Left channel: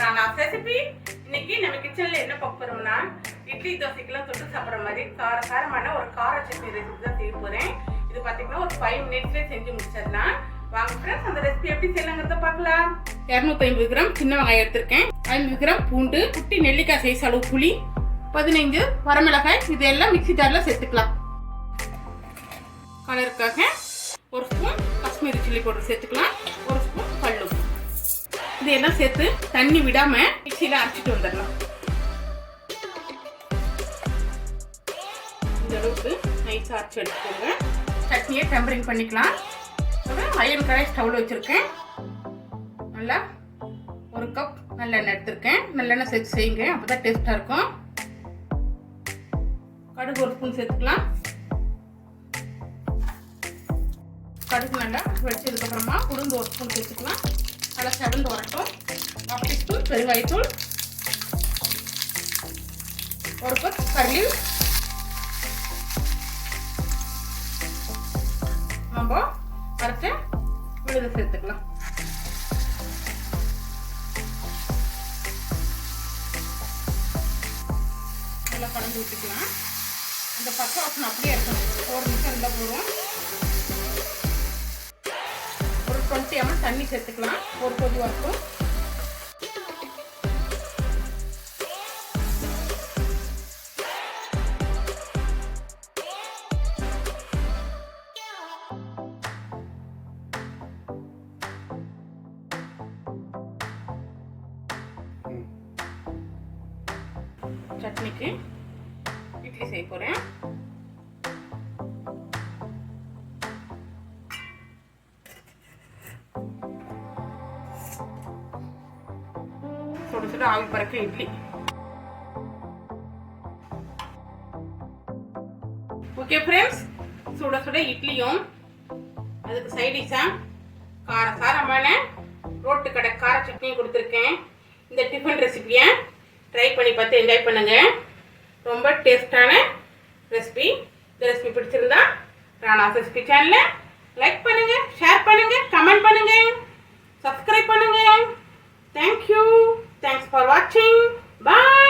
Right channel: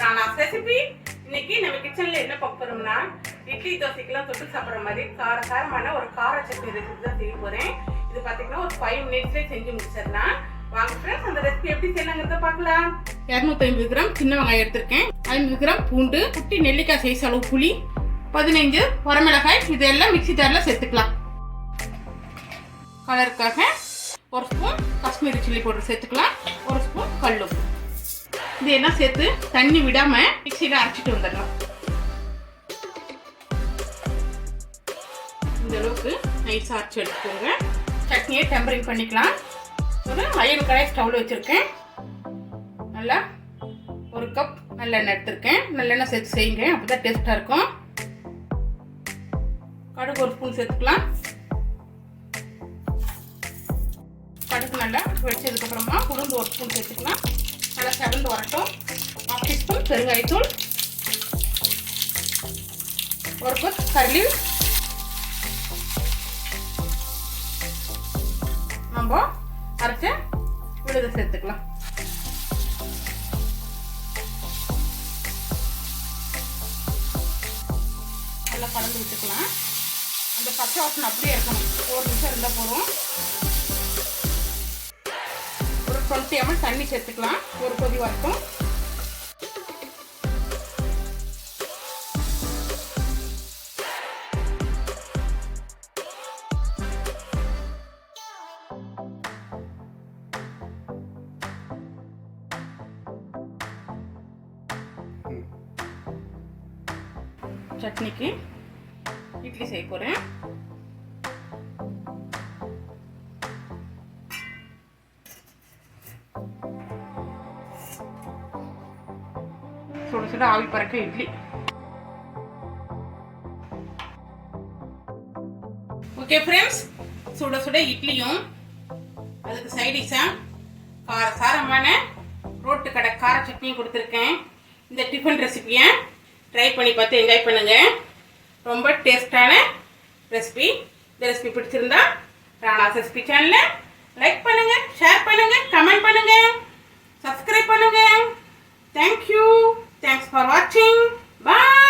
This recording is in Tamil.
ராணாஸ் ரெசிபி. இன்னைக்கு நம்ம கிச்சன்ல என்ன பார்க்க போறோம்னா இட்லி தோசைக்கெல்லாம் தொட்டு சாப்பிட்ற மாதிரி காரமான ஒரு கார சட்னி ரெசிபி தான் செய்ய போறேன். இது பாத்தீங்கன்னா ஒரு 5 மினிட்ஸ்ல செஞ்சு முடிச்சிடலாம். வாங்க ஃப்ரெண்ட்ஸ், அந்த ரெசிபி எப்படி செய்யலாங்கிறத பார்க்கலாம். 250 கிராம் சின்ன வெங்காயம் எடுத்திருக்கேன், 50 கிராம் பூண்டு, குட்டி நெல்லிக்காய் சைஸ் அளவு புளி, 15 வரமிளகாய், இதெல்லாம் மிக்ஸி ஜார்ல சேர்த்துக்கலாம். கலருக்காக ஒரு ஸ்பூன் காஷ்மீரி சில்லி பவுடர் சேர்த்துக்கலாம், ஒரு ஸ்பூன் கல்லுப்பு. இதெல்லாம் சேர்த்து தண்ணி விடாம மிக்ஸியில் அரைச்சிட்டு வந்துடலாம். இந்த அளவுக்கு நைஸாக அரைச்சி எடுத்துக்கோங்க. சட்னியை டெம்பரிங் பண்ணிக்கலாம். ஒரு அயன் கடாய் ஸ்டவ்ல வச்சுருக்கேன். நல்லா ஒரு கப் நல்லெண்ணெய் எடுத்திருக்கேன். நல்லெண்ணெய் சேர்த்து செய்யுங்க, அப்போ தான் டேஸ்ட்டாக இருக்கும். கடுகு ஒரு ஸ்பூன் சேர்த்துக்கலாம். கடுகு நல்லா வெடிச்சதுக்கப்புறமா உளுந்து ஒரு ஸ்பூன் சேர்த்துக்கலாம். நல்லா செவந்து வரட்டும். 1/2 டீஸ்பூன் பெருங்காயத்தூள், ஒரு கப் கறி, நம்ம அரைச்ச விழுது சேர்த்துக்கலாம். நல்லா கலந்து விட்டுக்கலாம். அந்த பச்சை வாசனை அப்படியே இருக்கணும். 1 நிமிஷம் இருந்தால் போதும். ஒரு 20 ml தண்ணி சேர்த்துக்கலாம். ஒரு கொதி வரட்டும். சட்னிக்கு இட்லி செய்ய போறேன். சுட சுட ஆவி பறக்க இட்லி. ஓகே ஃப்ரெண்ட்ஸ், சுட சுட இட்லியும் அதுக்கு சைடிஷா காரசாரமான ரோட்டு கடை கார சட்னியும் கொடுத்துருக்கேன். இந்த டிஃபன் ரெசிபியை ட்ரை பண்ணி பார்த்து என்ஜாய் பண்ணுங்க. ரொம்ப டேஸ்டான ரெசிபி. இந்த ரெசிபி பிடிச்சிருந்தா ராணாஸ் ரெசிபி சேனலை லைக் பண்ணுங்க, ஷேர் பண்ணுங்க, கமெண்ட் பண்ணுங்க, சப்ஸ்கிரைப் பண்ணுங்க. Thank you. Thanks for watching. Bye.